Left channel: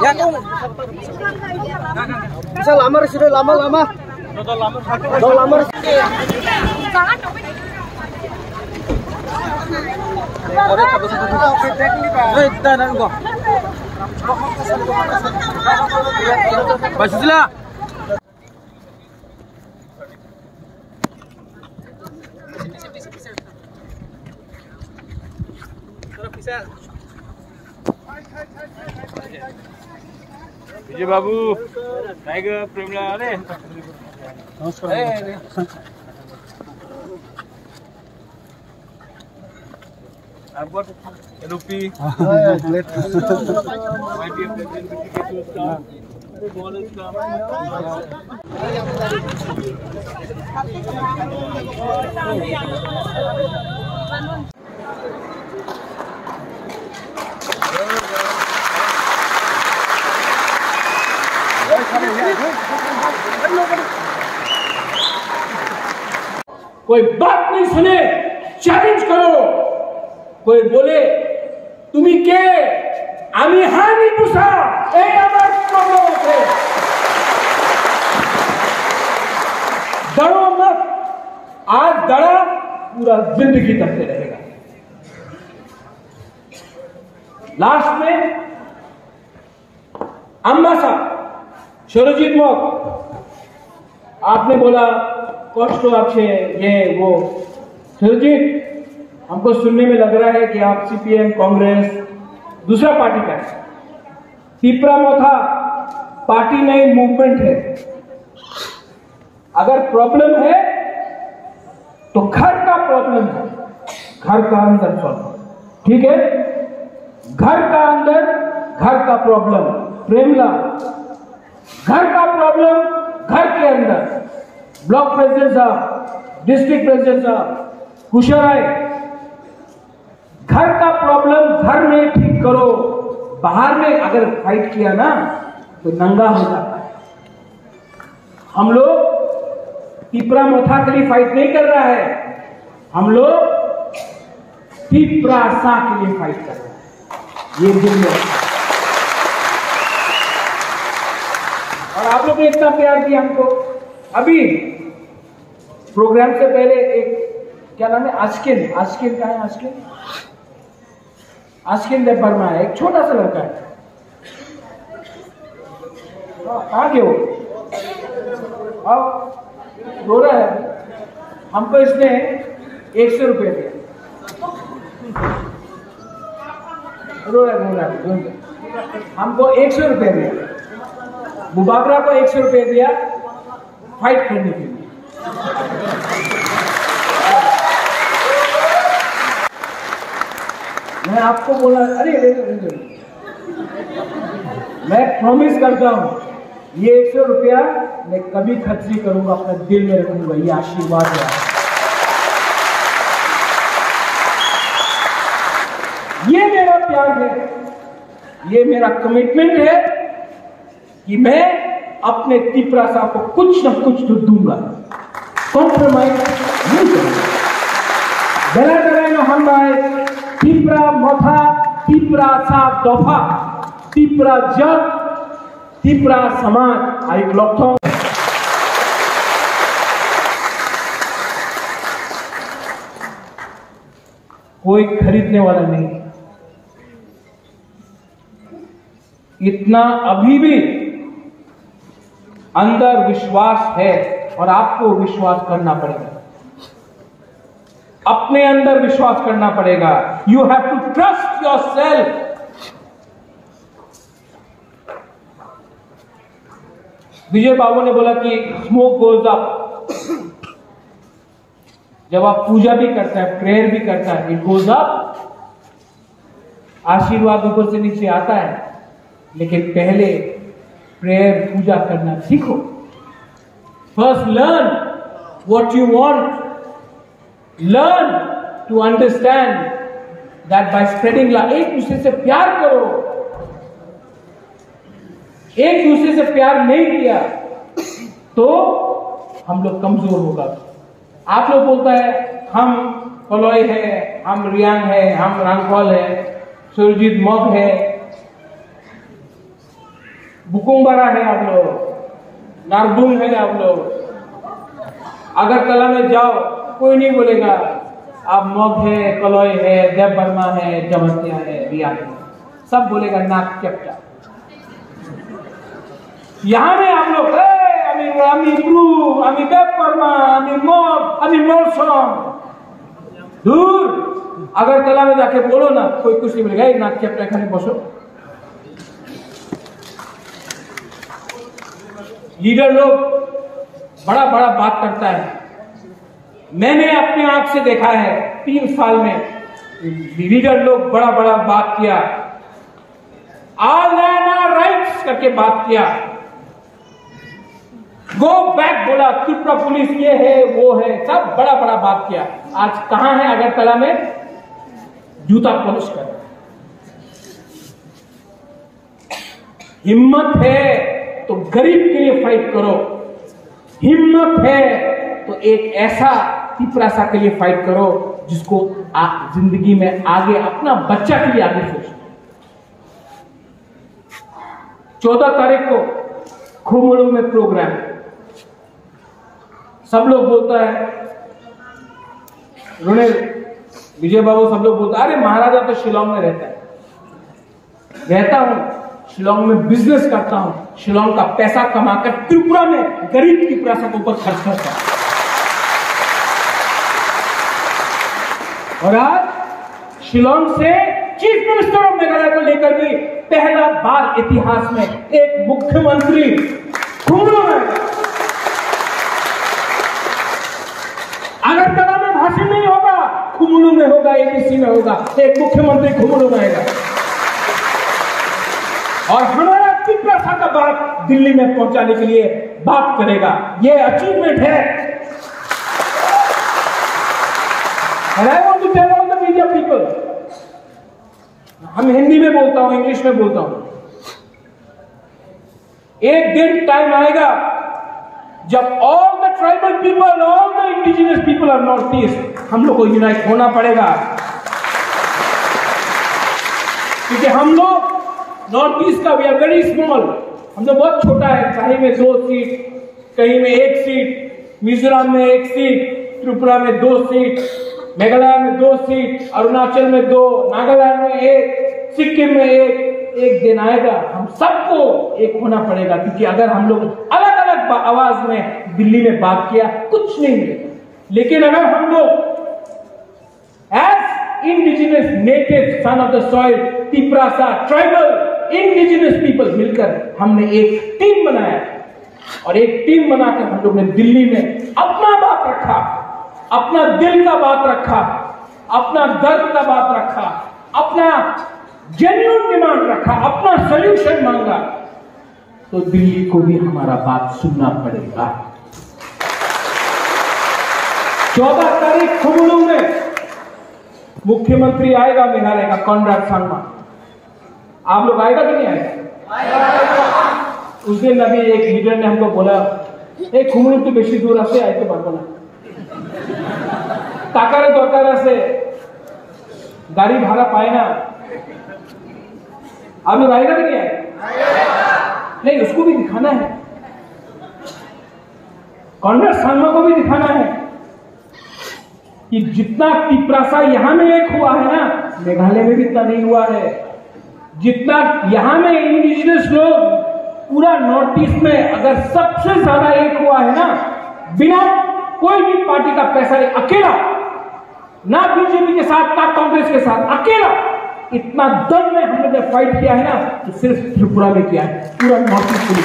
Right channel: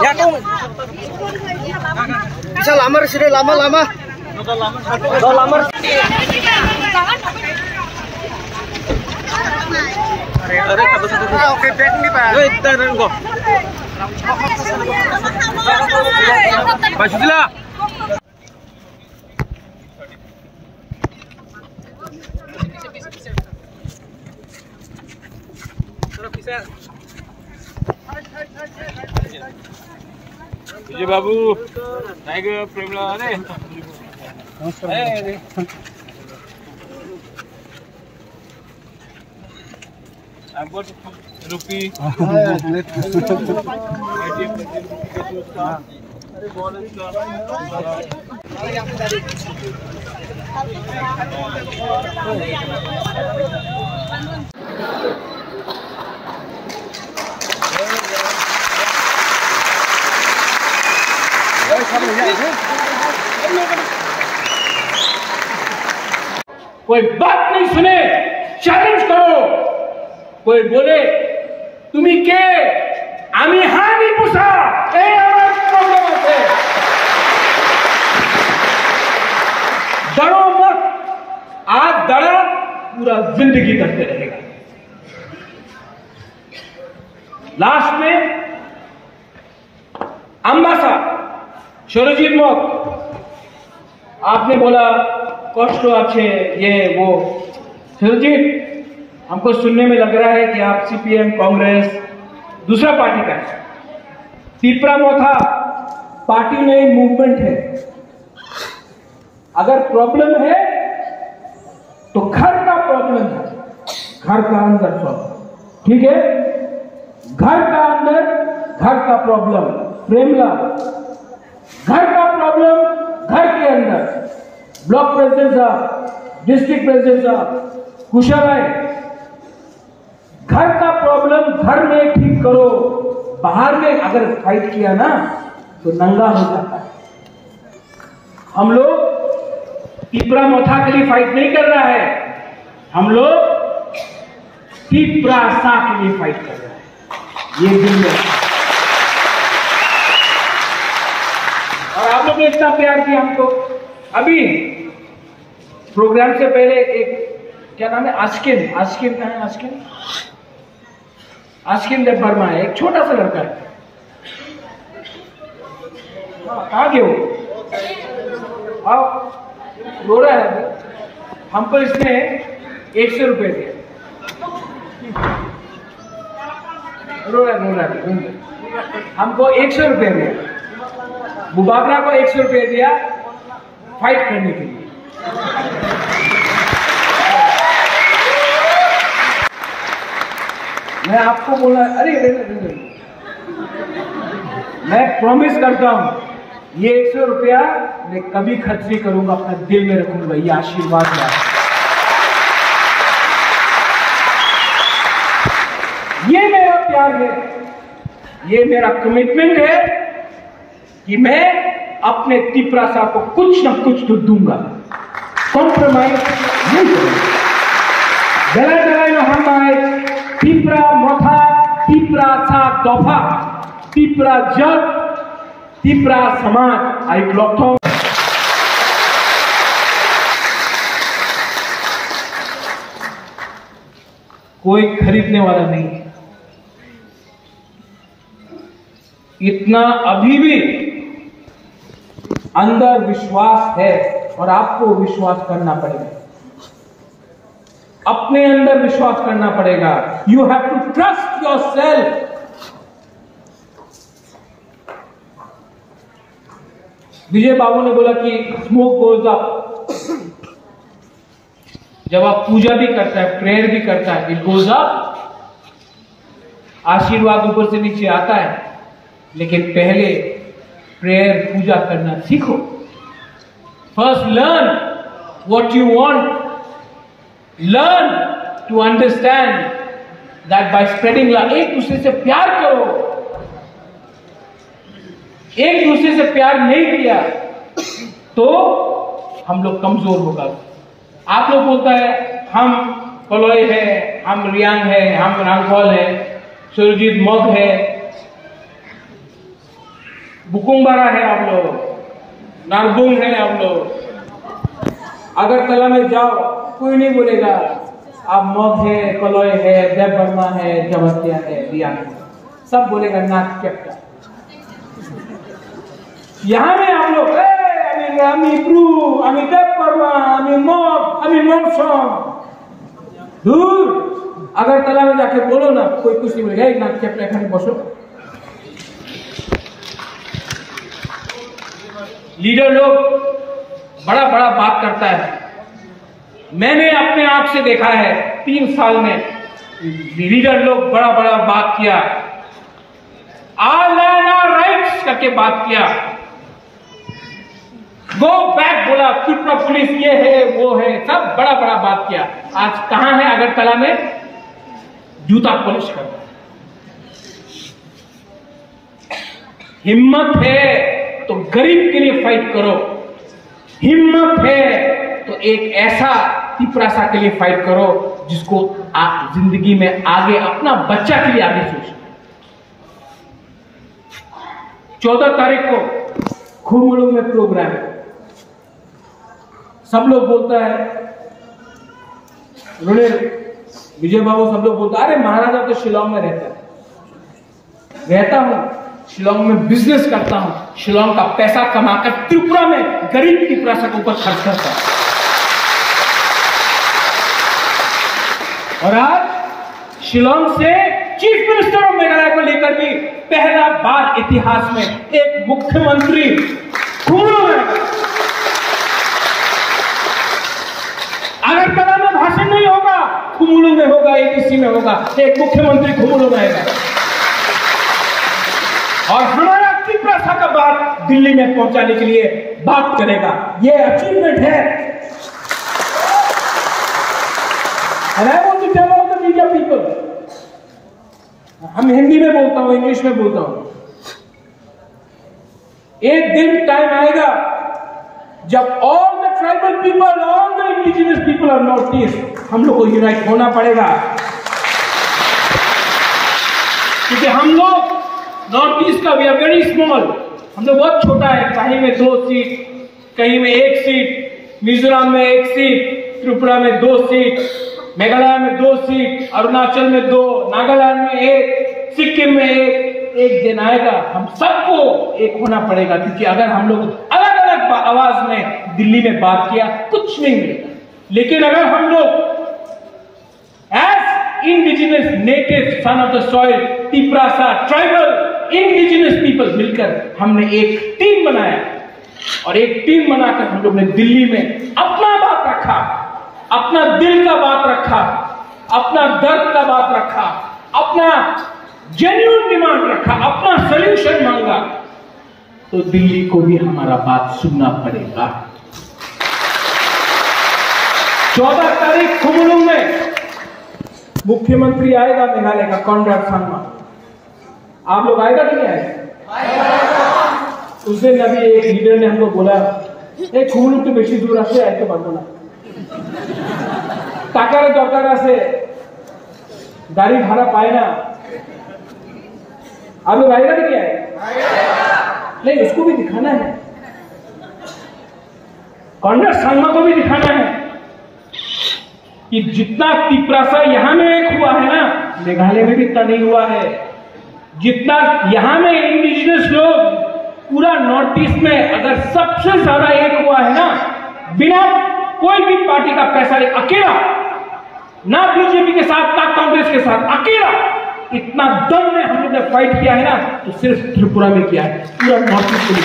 Ya kung bisa lamar sini lama-lama. Lamar. Oke, back nih Pak. Wait, tahan gua. Basila. विजय बाबू tiger प्रेमला ने I've got rupee. कोई बात नहीं सुने, challenge करो। कोई बोले तुम्ही के आम्ही हा नहीं पूछा, प्रॉब्लम है। डरो मत, आज डरा पूरा जिंदगी करते रहेगा। लास्ट में अम्बासा शोरजीत मौत आपने बोला कष्ट आपसे ये वो। शोरजीत, हमको सुनने में लग रहा है कि आप सीपीएम कांग्रेस दूसरा पार्टी का है। तिपरा मोथा पार्टी नहीं मूवमेंट है। अगर प्रॉब्लम है तो घर का प्रॉब्लम है, घर का अंदर प्रॉब्लम, ठीक है? घर का अंदर घर का प्रॉब्लम प्रेमला, घर का प्रॉब्लम घर के अंदर। ब्लॉक प्रेसिडेंट साहब, डिस्ट्रिक्ट प्रेसिडेंट साहब, कुशल है, घर का प्रॉब्लम घर में ठीक करो। बाहर में अगर फाइट किया ना तो नंगा हो जाता है। हम लोग तिपरा मोथा के लिए फाइट नहीं कर रहा है, हम लोग तिपरा सा के लिए फाइट कर रहे हैं। ये दुनिया और आप लोग ने इतना प्यार दिया हमको। अभी प्रोग्राम से पहले एक क्या नाम है, आस्किन का है, आस्किन देव वर्मा है, एक छोटा सा लड़का है। कहाँ गए हो? आओ, रो रहा है। हमको इसने 100 रुपए दिया। रो रहा है। हमको 100 रुपए दिया। मुबाबरा को 100 रुपए दिया फाइट करने के लिए। मैं आपको बोला, अरे मैं प्रॉमिस करता हूं ये 100 रुपया मैं कभी खर्च नहीं करूंगा, अपने दिल में रखूंगा। ये आशीर्वाद है, ये मेरा प्यार है, ये मेरा कमिटमेंट है कि मैं अपने तिपरा साहब को कुछ न कुछ तो दूंगा, कॉम्प्रोमाइज नहीं करूंगा। बेला चलाए हम आए तिपरा मोथा, तिपरा सा दफा, तिपरा जग, तिपरा समाज आई ब्लॉक। कोई खरीदने वाला नहीं है। इतना अभी भी अंदर विश्वास है और आपको विश्वास करना पड़ेगा, अपने अंदर विश्वास करना पड़ेगा। You have to trust yourself. Vijay Babu ने बोला कि स्मोक गोज अप। जब आप पूजा भी करता है, प्रेयर भी करता है, इट गोज अप, आशीर्वाद ऊपर से नीचे आता है। लेकिन पहले प्रेयर पूजा करना सीखो। First learn what you want, learn to understand that by spreading love. एक दूसरे से प्यार करो। एक दूसरे से प्यार नहीं किया तो हम लोग कमजोर होगा। आप लोग बोलता है हम कलोई है, हम रियांग है, हम रांगकॉल है, सुरजीत मौत है, बुकुम्बारा है आप लोग, नारदून है आप लोग। अगरतला में जाओ, कोई नहीं बोलेगा आप मौत है, कलोय है, देव वर्मा है, जमतिया है, रिया है, सब बोलेगा नाक चपटा। यहाँ में आप लोग আমি ব্রু, আমি দেববর্মা, আমি মগ, আমি মৌসम, दूर। अगरतला में जाके बोलो ना, कोई कुछ नहीं बोलेगा, एक नाक चपटा खाने बसो। लीडर लोग बड़ा बड़ा बात करता है। मैंने अपने आप से देखा है 3 साल में लीडर लोग बड़ा बड़ा बात किया, ऑल लैंड आवर राइट्स करके बात किया, गो बैक बोला, त्रिपुरा पुलिस ये है वो है, सब बड़ा बड़ा बात किया। आज कहां है अगरतला में? जूता पॉलिश कर। हिम्मत है तो गरीब के लिए फाइट करो, हिम्मत है तो एक ऐसा त्रिपुरासा के लिए फाइट करो जिसको आप जिंदगी में आगे अपना बच्चा के लिए आगे सोचो। 14 तारीख को खुमड़ू में प्रोग्राम है। सब लोग बोलता है, विजय बाबू सब लोग बोलता है, अरे महाराजा तो शिलोंग में रहता हूं, शिलोंग में बिजनेस करता हूं, शिलोंग का पैसा कमाकर त्रिपुरा में गरीब त्रिपुरासा के ऊपर खर्च करता है। और आज शिलोंग से चीफ मिनिस्टर ऑफ मेघालय को लेकर भी पहला बार इतिहास में एक मुख्यमंत्री खुमड़ू में। अगरतला में भाषण नहीं होगा, खुमड़ू में होगा, एबीसी में होगा, एक मुख्यमंत्री खुमड़ू में आएगा और हमारा त्रिपुरासा का बात दिल्ली में पहुंचाने के लिए बात करेगा। ये अचीवमेंट है। And I want to tell all the media people, हम हिंदी में बोलता हूं, इंग्लिश में बोलता हूं, एक दिन टाइम आएगा जब all the tribal people, all the indigenous people of north east, हम लोग को यूनाइट होना पड़ेगा। क्योंकि हम लोग नॉर्थ ईस्ट का, वी आर वेरी स्मॉल, हम लोग बहुत छोटा है। कहीं में 2 सीट, कहीं में 1 सीट, मिजोरम में 1 सीट, त्रिपुरा में 2 सीट, मेघालय में 2 सीट, अरुणाचल में 2, नागालैंड में 1, सिक्किम में 1। एक दिन आएगा हम सबको एक होना पड़ेगा, क्योंकि अगर हम लोग अलग अलग आवाज में दिल्ली में बात किया कुछ नहीं मिलेगा। लेकिन अगर हम लोग as indigenous native son of the soil, त्रिपुरासा ट्राइबल इंडिजिनियस पीपल मिलकर हमने एक टीम बनाया और एक टीम बनाकर हम लोग ने दिल्ली में अपना बात रखा, अपना दिल का बात रखा, अपना दर्द का बात रखा, अपना जेन्युइन डिमांड रखा, अपना सॉल्यूशन मांगा, तो दिल्ली को भी हमारा बात सुनना पड़ेगा। 14 तारीख खुमड़ू में मुख्यमंत्री आएगा मेघालय का, कॉनराड संगमा। आप लोग आएगा कि नहीं आएगा? उस दिन अभी एक लीडर ने हमको बोला, एक खुमड़ू तो बेशी दूर से आए तो पारबो ना, टाकारे दरकार से गाड़ी भाड़ा पाए ना। आप लोग आएगा कि नहीं आएगा? नहीं, उसको भी दिखाना है, कॉनराड संगमा को भी दिखाना है कि जितना त्रिपुरासा यहां में एक हुआ है ना, मेघालय में भी इतना नहीं हुआ है। जितना यहां में इंडिजिनियस लोग पूरा नॉर्थ ईस्ट में अगर सबसे ज्यादा एक हुआ है ना, बिना कोई भी पार्टी का पैसा, अकेला, ना बीजेपी के साथ ना कांग्रेस के साथ, अकेला इतना दम में हम लोग ने फाइट किया है ना, तो सिर्फ त्रिपुरा में किया है, पूरा नॉर्थ ईस्ट में।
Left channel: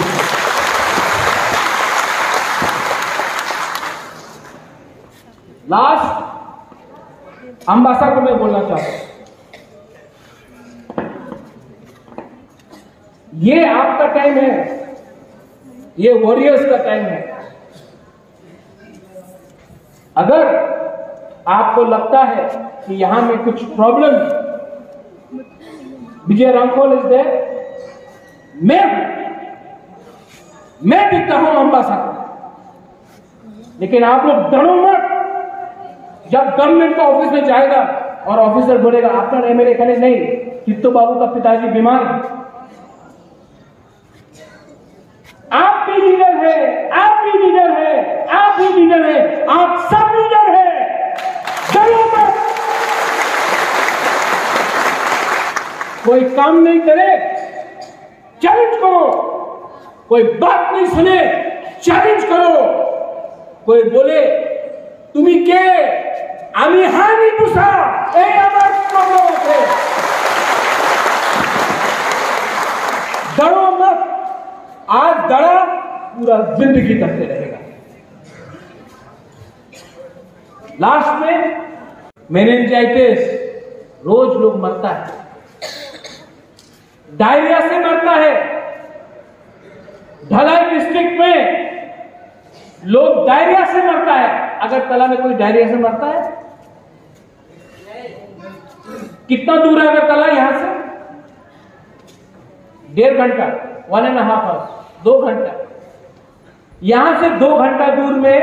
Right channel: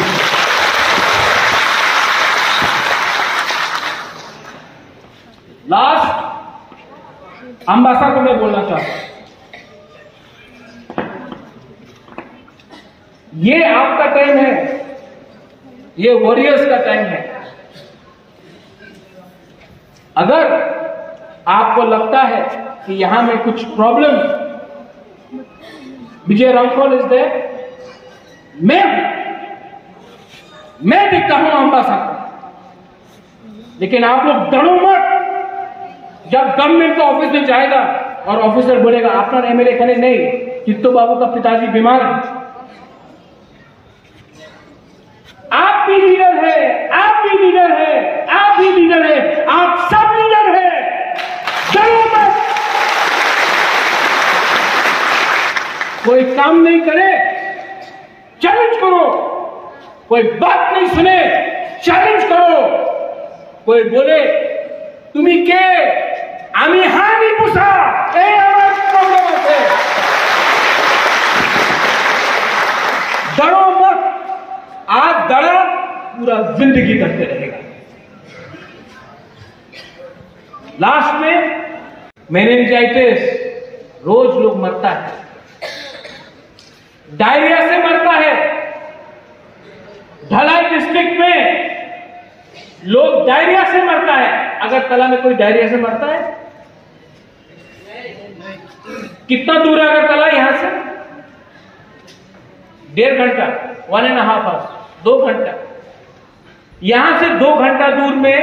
लास्ट अंबासा को मैं बोलना चाहता हूं, ये आपका टाइम है, ये वॉरियर्स का टाइम है। अगर आपको लगता है कि यहां में कुछ problem, Vijay Ramphal is there, मैं दिखता हूं अंबासा को, लेकिन आप लोग डरो मत। जब गवर्नमेंट का ऑफिस में जाएगा और ऑफिसर बोलेगा आपका एमएलए कने नहीं, चित्तो बाबू का पिताजी बीमार है। आप भी लीडर है, आप भी लीडर है, आप भी लीडर है, आप सब लीडर है। डरो मत। कोई काम नहीं करे चैलेंज करो, कोई बात नहीं सुने चैलेंज करो, कोई बोले तुम्ही के आम्ही हा नहीं पूछा प्रॉब्लम है। डरो मत। आज डरा पूरा जिंदगी करते रहेगा। लास्ट में मेनिंजाइटिस रोज लोग मरता है, डायरिया से मरता है। ढलाई डिस्ट्रिक्ट में लोग डायरिया से मरता है। अगरतला में कोई डायरिया से मरता है? कितना दूर है अगरतला यहां से? 1.5 घंटा, 1.5 आवर्स, 2 घंटा। यहां से 2 घंटा दूर में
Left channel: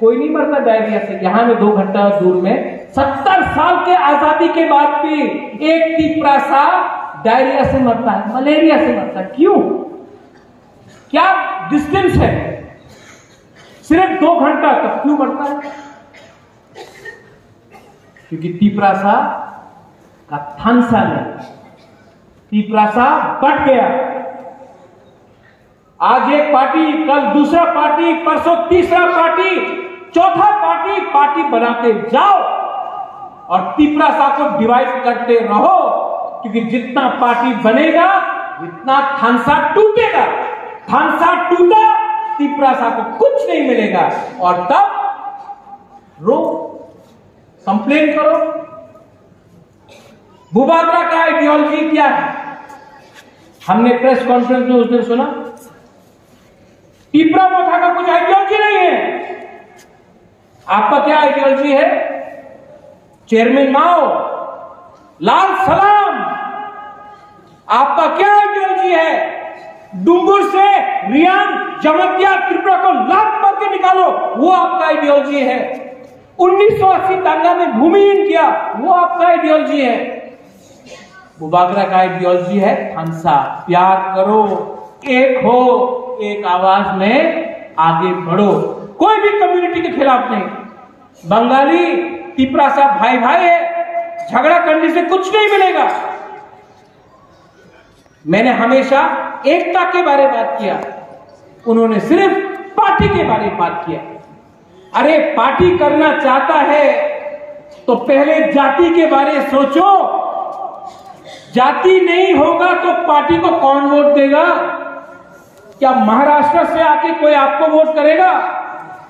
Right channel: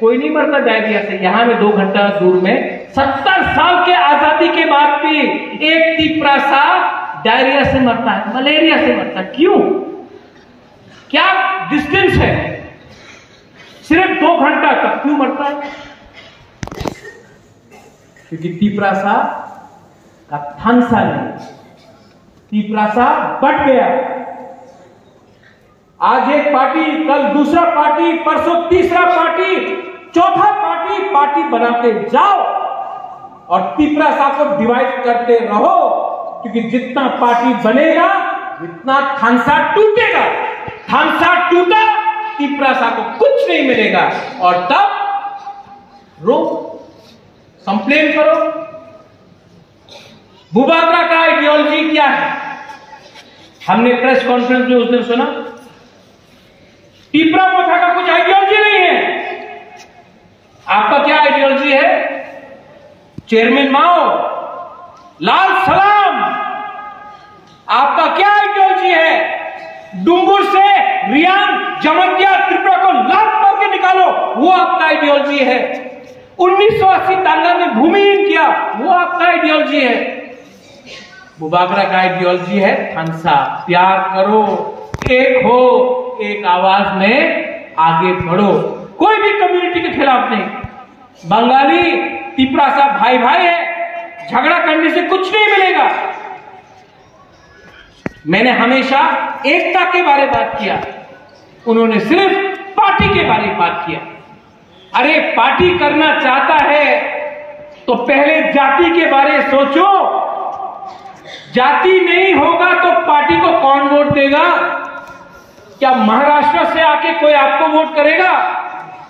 कोई नहीं मरता डायरिया से। यहां में 2 घंटा दूर में 70 साल के आजादी के बाद भी एक तीपरा सा डायरिया से मरता है, मलेरिया से मरता है। क्यों? क्या डिस्टेंस है? सिर्फ 2 घंटा तक क्यों मरता है? क्योंकि तीपरासा का थानसा नहीं, तीपरासा बढ़ गया। आज एक पार्टी, कल दूसरा पार्टी, परसों तीसरा पार्टी, चौथा पार्टी बनाते जाओ और तीपरासा को डिवाइड करते रहो। क्योंकि जितना पार्टी बनेगा जितना थानसा टूटेगा। थानसा टूटा, तीपरासा को कुछ नहीं मिलेगा और तब रो, कंप्लेन करो। बुबागरा का आइडियोलॉजी क्या है? हमने प्रेस कॉन्फ्रेंस में उस दिन सुना, टीपरा मोथा का कुछ आइडियोलॉजी नहीं है। आपका क्या आइडियोलॉजी है? चेयरमैन माओ, लाल सलाम। आपका क्या आइडियोलॉजी है? डुंगुर से रियान, जमतिया, त्रिपुरा को लात मार के निकालो, वो आपका आइडियोलॉजी है। 1980 दांगा में भूमिहीन किया, वो आपका आइडियोलॉजी है। बुबागरा का आइडियोलॉजी है थानसा, प्यार करो, एक हो, एक आवाज में आगे बढ़ो। कोई भी कम्युनिटी के खिलाफ नहीं। बंगाली तीपरासा भाई भाई है, झगड़ा करने से कुछ नहीं मिलेगा। मैंने हमेशा एकता के बारे में बात किया, उन्होंने सिर्फ पार्टी के बारे में बात किया। अरे पार्टी करना चाहता है तो पहले जाति के बारे में सोचो। जाति नहीं होगा तो पार्टी को कौन वोट देगा? क्या महाराष्ट्र से आके कोई आपको वोट करेगा?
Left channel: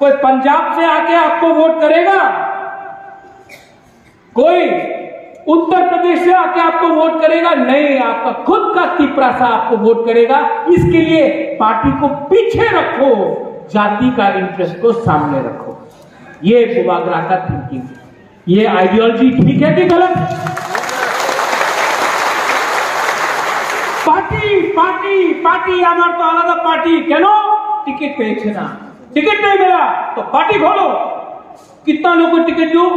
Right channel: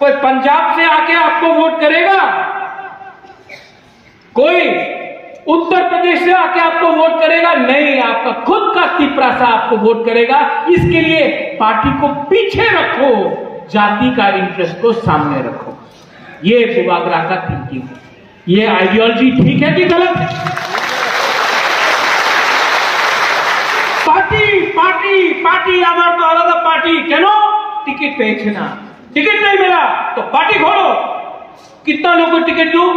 कोई पंजाब से आके आपको वोट करेगा? कोई उत्तर प्रदेश से आके आपको वोट करेगा? नहीं, आपका खुद का तीपरासा आपको वोट करेगा। इसके लिए पार्टी को पीछे रखो, जाति का इंटरेस्ट को सामने रखो। ये बुबागरा का थिंकिंग है। ये आइडियोलॉजी ठीक है कि गलत है? पार्टी पार्टी पार्टी आमार तो आलादा पार्टी क्यों? टिकट पेয়েছে ना, टिकट नहीं मिला तो पार्टी खोलो। कितना लोगों को टिकट दूं?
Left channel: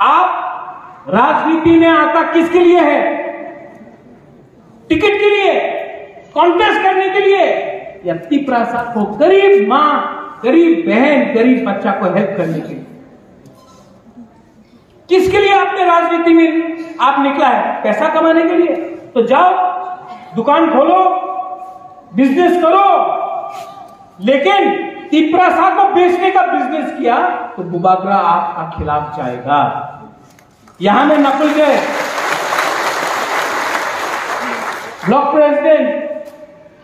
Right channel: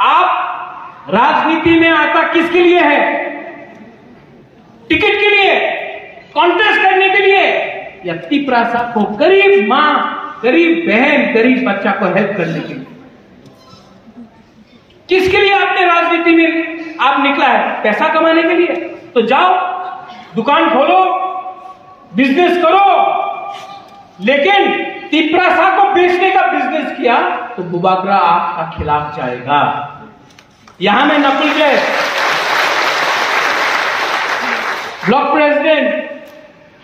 आप राजनीति में आता किसके लिए है? टिकट के लिए, कॉन्टेस्ट करने के लिए, या तीपरासा को गरीब मां, गरीब बहन, गरीब बच्चा को हेल्प करने के लिए? किसके लिए आपने राजनीति में आप निकला है? पैसा कमाने के लिए? तो जाओ दुकान खोलो, बिजनेस करो। लेकिन तीपरासा को बेचने का बिजनेस किया तो बुबागरा आपका खिलाफ जाएगा। यहां में नकुल जय ब्लॉक प्रेसिडेंट,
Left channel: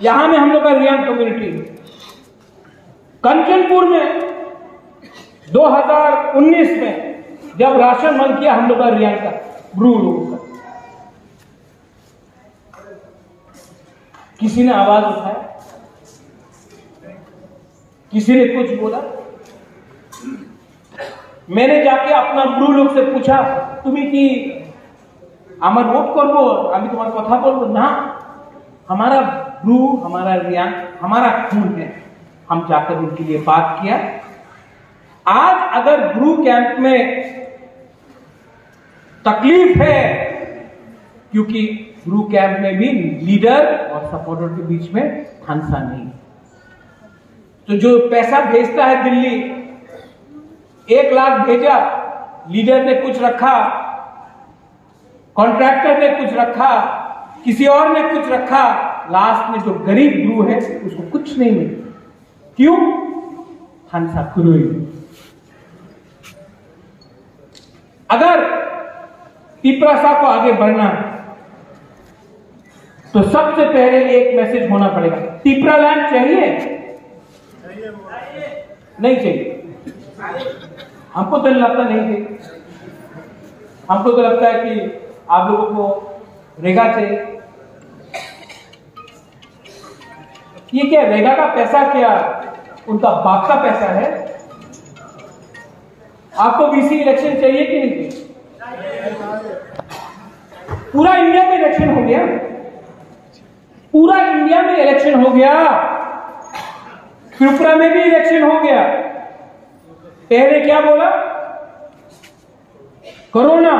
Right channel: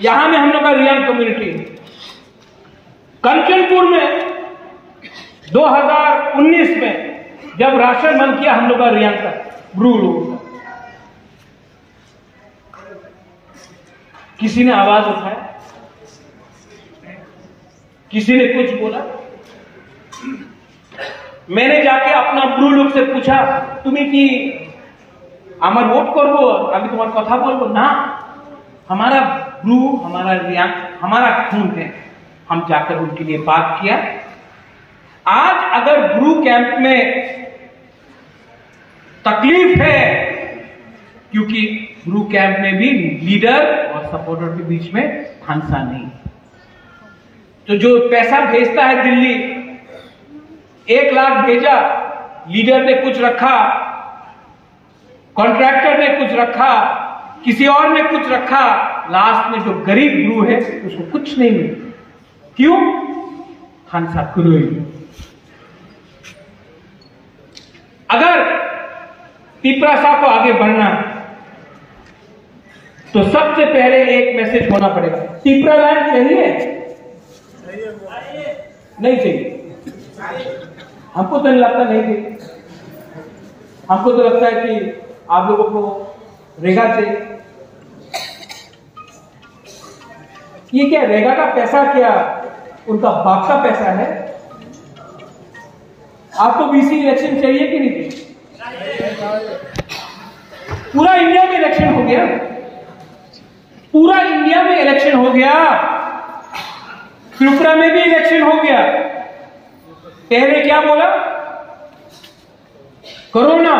यहां में हम लोग का रियान कम्युनिटी, कंचनपुर में 2019 में जब राशन बंद किया हम लोग का रियान का ब्रू लोगों का, किसी ने आवाज उठाया? किसी ने कुछ बोला? मैंने जाके अपना ब्रू लोग से पूछा, तुम्हें कि আমার ভোট করবো, আমি তোমার কথা বলবো না, हमारा ब्रू, हमारा रियान, हमारा खून है। हम जाकर उनके लिए बात किया। आज अगर ब्रू कैंप में तकलीफ है, क्योंकि गुरु कैंप में भी लीडर और सपोर्टर के बीच में हंसा नहीं। तो जो पैसा भेजता है दिल्ली, 1 लाख भेजा, लीडर ने कुछ रखा, कॉन्ट्रैक्टर ने कुछ रखा, किसी और ने कुछ रखा, लास्ट में जो गरीब गुरु है उसको कुछ नहीं मिला। क्यों? हंसा कुरुई। अगर पिपरासा को आगे बढ़ना तो सबसे पहले एक मैसेज होना पड़ेगा। पिपरा लैंड चाहिए? नहीं चाहिए। हमको तो लगता नहीं चाहिए। हमको तो लगता है कि आप लोगों को रेगा चाहिए। ये क्या रेगा का पैसा, क्या उनका बाप का पैसा है? आपको बीसी इलेक्शन चाहिए कि नहीं चाहिए? पूरा इंडिया में इलेक्शन हो गया, पूरा इंडिया में इलेक्शन हो गया, त्रिपुरा में भी इलेक्शन हो गया। पहले क्या बोला? कोरोना।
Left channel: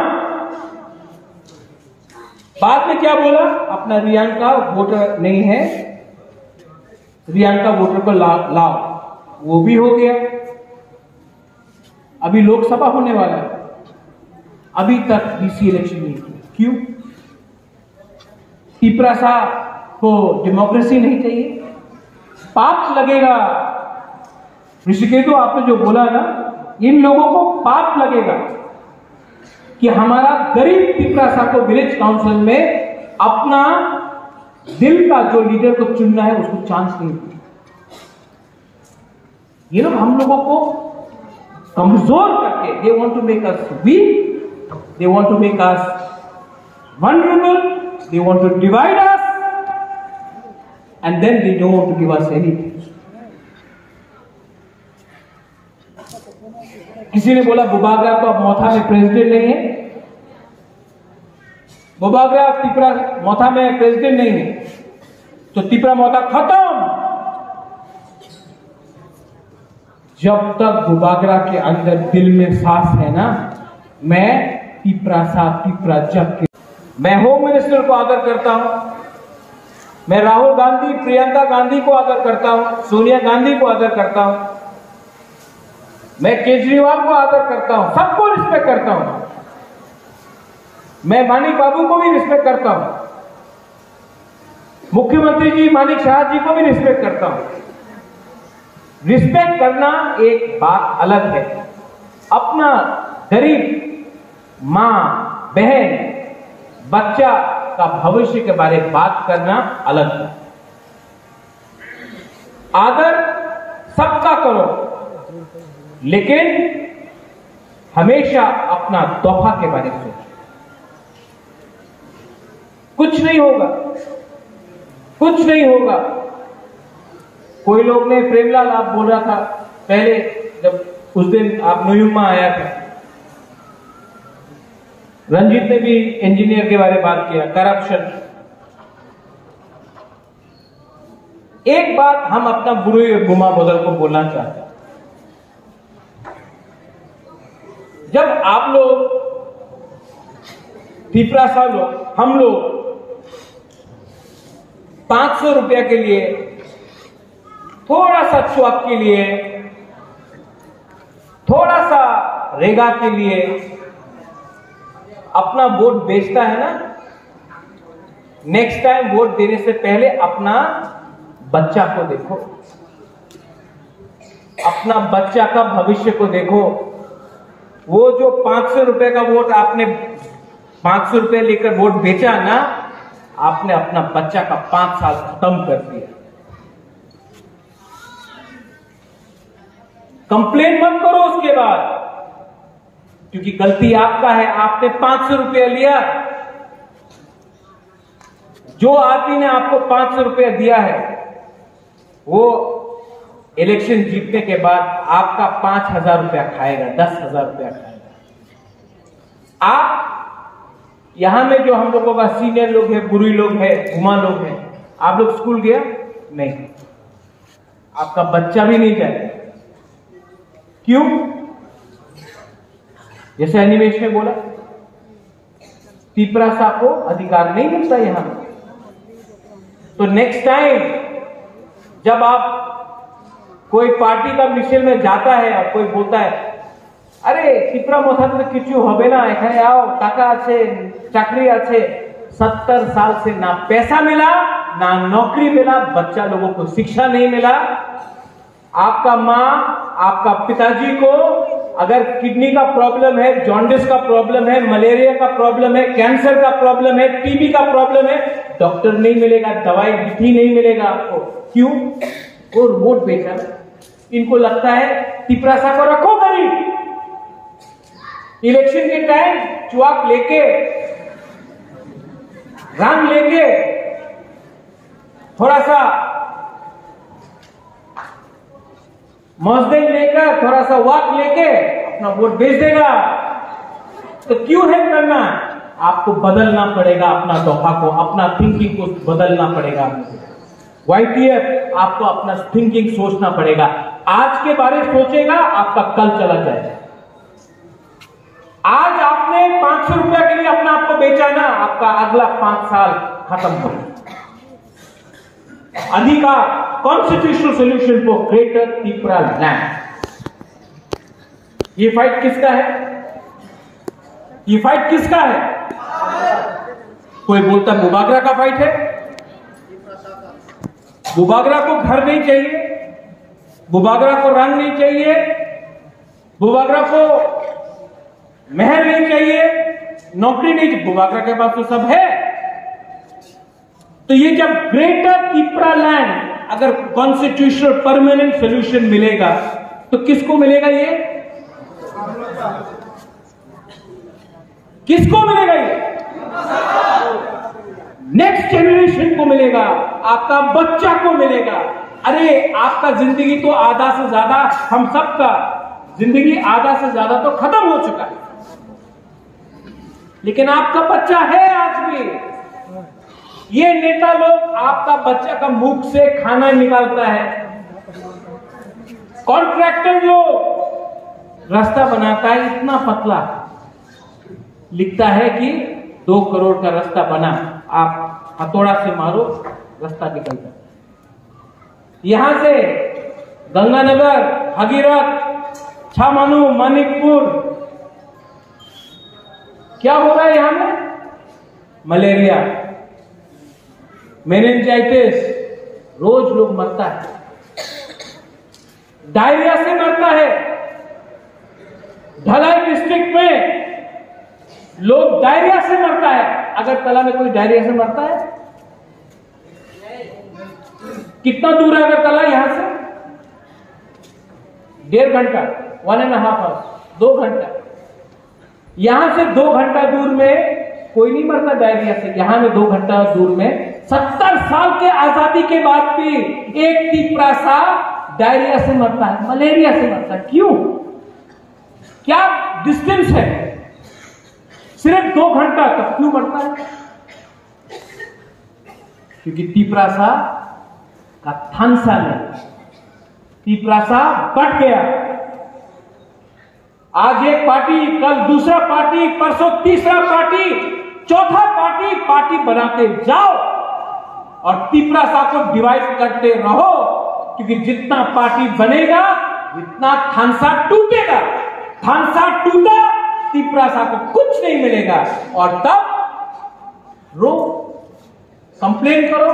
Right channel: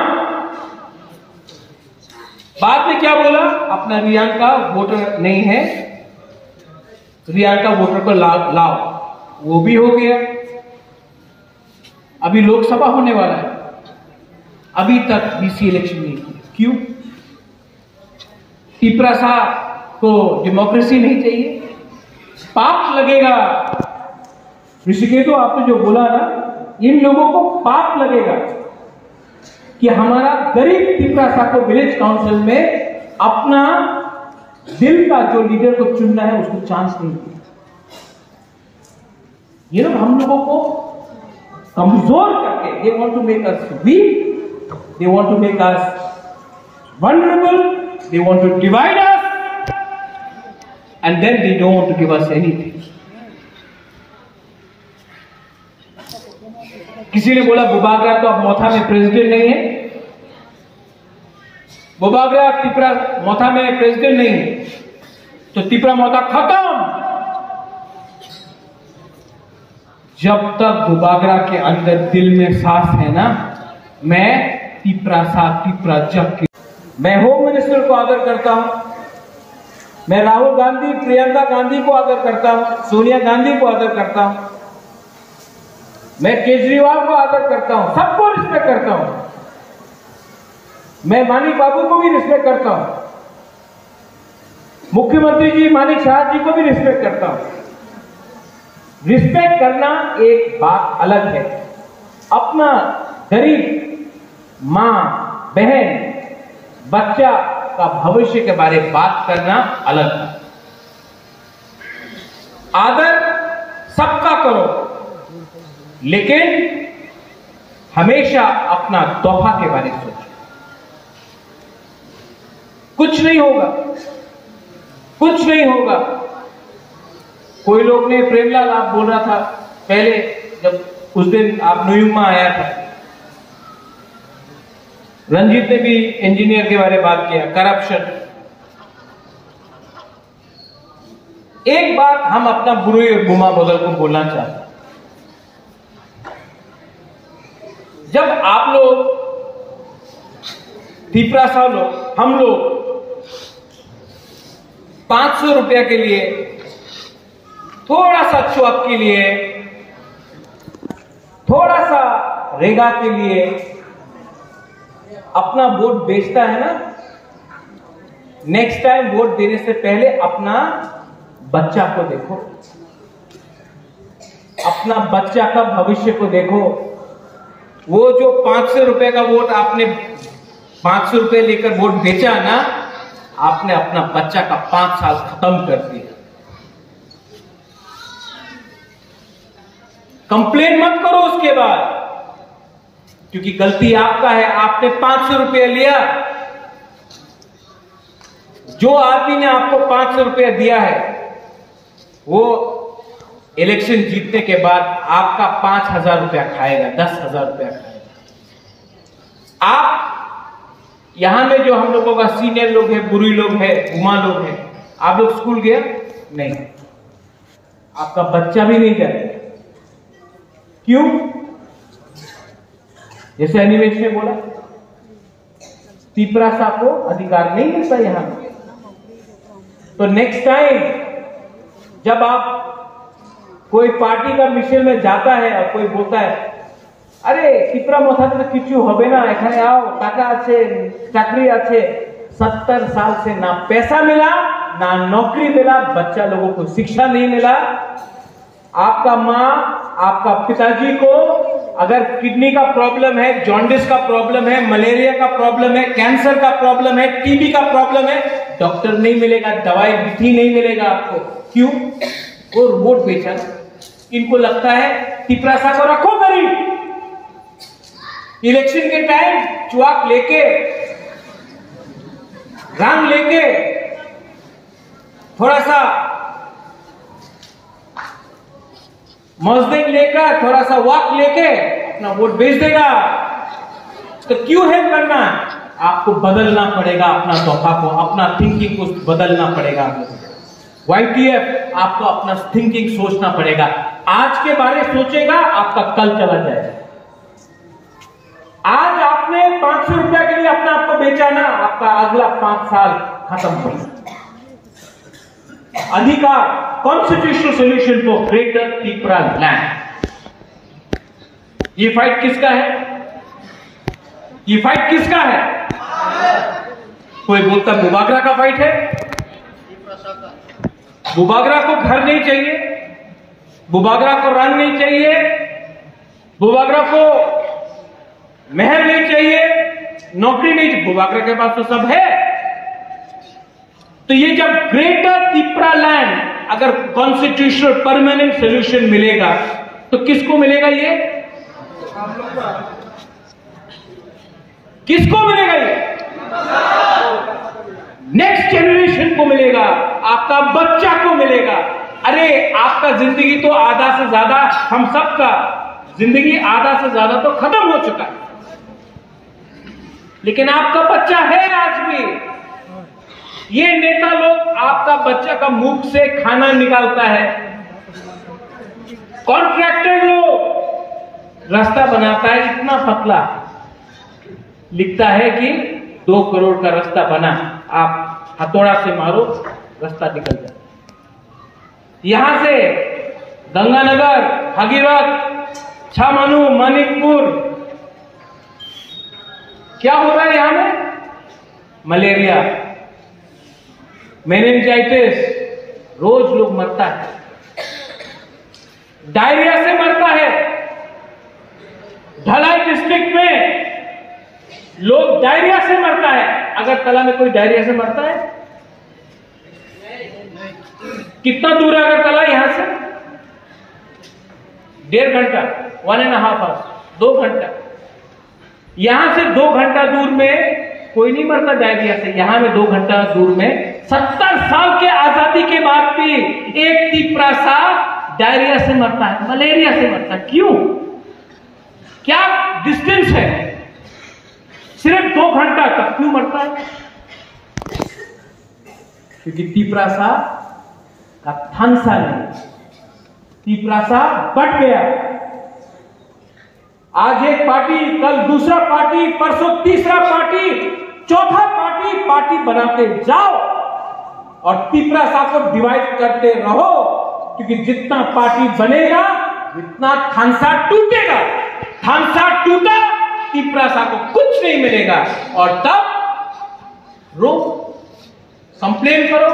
बाद में क्या बोला? अपना रियांका वोटर नहीं है, रियांका वोटर को लाओ। वो भी हो गया। अभी लोकसभा होने वाला है, अभी तक बीसी इलेक्शन नहीं किया। क्यों? पिपरासा को डेमोक्रेसी नहीं चाहिए? पाप लगेगा। ऋषिकेश, तो आपने जो बोला ना, इन लोगों को पाप लगेगा कि हमारा गरीब पिपरासा को विलेज काउंसिल में अपना दिल का जो लीडर को चुनना है उसको चांस नहीं दिया। ये लोग हम लोगों को कमजोर करके, they want to make us weak, they want to make us vulnerable, they want to divide us, and then they don't want to give us anything. किसी ने बोला बुबागरा तो अब मोथा में प्रेसिडेंट नहीं है। बुबागरा तिपरा मोथा में प्रेसिडेंट नहीं है, तो तिपरा मोथा खत्म। जब तक बुबागरा के अंदर दिल में सांस है ना, मैं तिपरा जब के मैं होम मिनिस्टर को आदर करता हूं, मैं राहुल गांधी, प्रियंका गांधी को आदर करता हूं, सोनिया गांधी को आदर करता हूं, मैं केजरीवाल को आदर करता हूं, सबको रिस्पेक्ट करता हूं। मैं मानिक बाबू को भी रिस्पेक्ट करता हूं, मुख्यमंत्री जी मानिक शाह जी को भी रिस्पेक्ट करता हूं। रिस्पेक्ट करना एक बात अलग है, अपना गरीब मां, बहन, बच्चा का भविष्य के बारे में बात करना अलग है। आदर सबका करो, लेकिन हमेशा अपना तोहफा के बारे में सोचो। कुछ नहीं होगा, कुछ नहीं होगा। कोई लोग ने, प्रेमलाल आप बोल रहा था पहले, जब उस दिन आप न्यूयॉर्क आया था, रंजीत ने भी इंजीनियर के बारे में बात किया, करप्शन। एक बात हम अपना बुरी और गुमा बदल को बोलना चाहते हैं। जब आप लोग तिपरासा लोग, हम लोग 500 रुपया के लिए, थोड़ा सा छुआक के लिए, थोड़ा सा रेगा के लिए अपना वोट बेचता है ना, नेक्स्ट टाइम वोट देने से पहले अपना बच्चा को देखो, अपना बच्चा का भविष्य को देखो। वो जो 500 रुपए का वोट आपने 500 रुपए लेकर वोट बेचा ना, आपने अपना बच्चा का 5 साल खत्म कर दिया। कंप्लेन मत करो उसके बाद, क्योंकि गलती आपका है। आपने 500 रुपया लिया, जो आदमी ने आपको 500 रुपया दिया है वो इलेक्शन जीतने के बाद आपका 5000 रुपया खाएगा, 10,000 रुपया खाएगा। आप यहां में जो हम लोगों का सीनियर लोग हैं, बुरी लोग हैं, गुमा लोग हैं, आप लोग स्कूल गए नहीं, आपका बच्चा भी नहीं जाए। क्यों? जैसे अनिमेश ने बोला, तिपरासा को अधिकार नहीं मिलता यहां। तो नेक्स्ट टाइम जब आप कोई पार्टी का मिशन में जाता है और कोई बोलता है अरे तिपरा मोथा तो किचु होबे ना, एखाने आओ, टाका आछे, चाकरी आछे, 70 साल से ना पैसा मिला ना नौकरी मिला, बच्चा लोगों को शिक्षा नहीं मिला। आपका माँ, आपका पिताजी को अगर किडनी का प्रॉब्लम है, जॉन्डिस का प्रॉब्लम है, मलेरिया का प्रॉब्लम है, कैंसर का प्रॉब्लम है, टीबी का प्रॉब्लम है, डॉक्टर नहीं मिलेगा, दवाई भी नहीं मिलेगा आपको। क्यों? वो रिमोट बेचा। इनको लगता है तिपरासा को रखो गरीब, इलेक्शन के टाइम चुआक लेके, रंग लेके, थोड़ा सा मौजदेग लेकर, थोड़ा सा वाक लेके अपना वोट बेच देगा। तो क्यों हेल्प करना? आपको बदलना पड़ेगा अपना दफा को, अपना थिंकिंग को बदलना पड़ेगा। YTF आपको अपना थिंकिंग सोचना पड़ेगा। आज के बारे सोचेगा, आपका कल चला जाएगा। आज आपने 500 रुपया के लिए अपना आपको बेचा ना, आपका अगला 5 साल खत्म हो गया। अधिकार, constitutional solution for greater Tipra land. ये फाइट किसका है? ये फाइट किसका है? कोई बोलता मुबागरा का फाइट है। मुबागरा को घर नहीं चाहिए, मुबागरा को रंग नहीं चाहिए, मुबागरा को महल नहीं चाहिए, नौकरी नहीं चाहिए, मुबागरा के पास तो सब है। तो ये जब ग्रेटर तिपरा लैंड अगर कॉन्स्टिट्यूशनल परमानेंट सोल्यूशन मिलेगा तो किसको मिलेगा? ये किसको मिलेगा? ये नेक्स्ट जेनरेशन को मिलेगा, आपका बच्चा को मिलेगा। अरे आपका जिंदगी तो आधा से ज्यादा, हम सबका जिंदगी आधा से ज्यादा तो खत्म हो चुका है, लेकिन आपका बच्चा है आज भी। ये नेता लोग आपका बच्चा का मुख से खाना निकालता है, कॉन्ट्रैक्टर लोग रास्ता बनाता है, इतना पतला लिखता है कि 2 करोड़ का रास्ता बना, आप हथौड़ा से मारो, रास्ता निकल जाता है। यहां से गंगानगर, भगीरथ, छामनू, मानिकपुर, क्या हो रहा है यहां में? मलेरिया, मेनिंजाइटिस, रोज लोग मरता है, डायरिया से मरता है। ढलाई डिस्ट्रिक्ट में लोग डायरिया से मरता है। अगरतला में कोई डायरिया से मरता है? कितना दूर है अगरतला यहां से? 1.5 घंटा, 1.5 आवर्स, 2 घंटा। यहां से 2 घंटा दूर में कोई नहीं मरता डायरिया से। यहां में 2 घंटा दूर में 70 साल के आजादी के बाद भी एक तिपरासा डायरिया से मरता है, मलेरिया से मरता है। क्यों? क्या डिस्टेंस है? सिर्फ 2 घंटा तक क्यों मरता है? क्योंकि तिपरासा का थानसा नहीं, तिपरासा बढ़ गया। आज एक पार्टी, कल दूसरा पार्टी, परसों तीसरा पार्टी, चौथा पार्टी बनाते जाओ और तिपरासा को डिवाइड करते रहो, क्योंकि जितना पार्टी बनेगा उतना थानसा टूटेगा। थानसा टूटा, तिपरासा को कुछ नहीं मिलेगा और तब रो, कंप्लेन करो।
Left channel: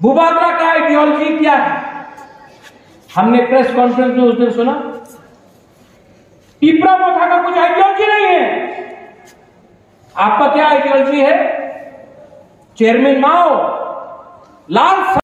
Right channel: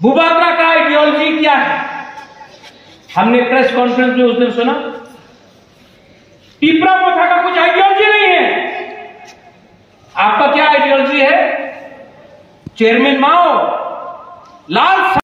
मुबागरा का आइडियोलॉजी क्या है? हमने प्रेस कॉन्फ्रेंस में उस दिन सुना, तिपरा मोथा का कुछ आइडियोलॉजी नहीं है। आपका क्या आइडियोलॉजी है? चेयरमैन माओ, लाल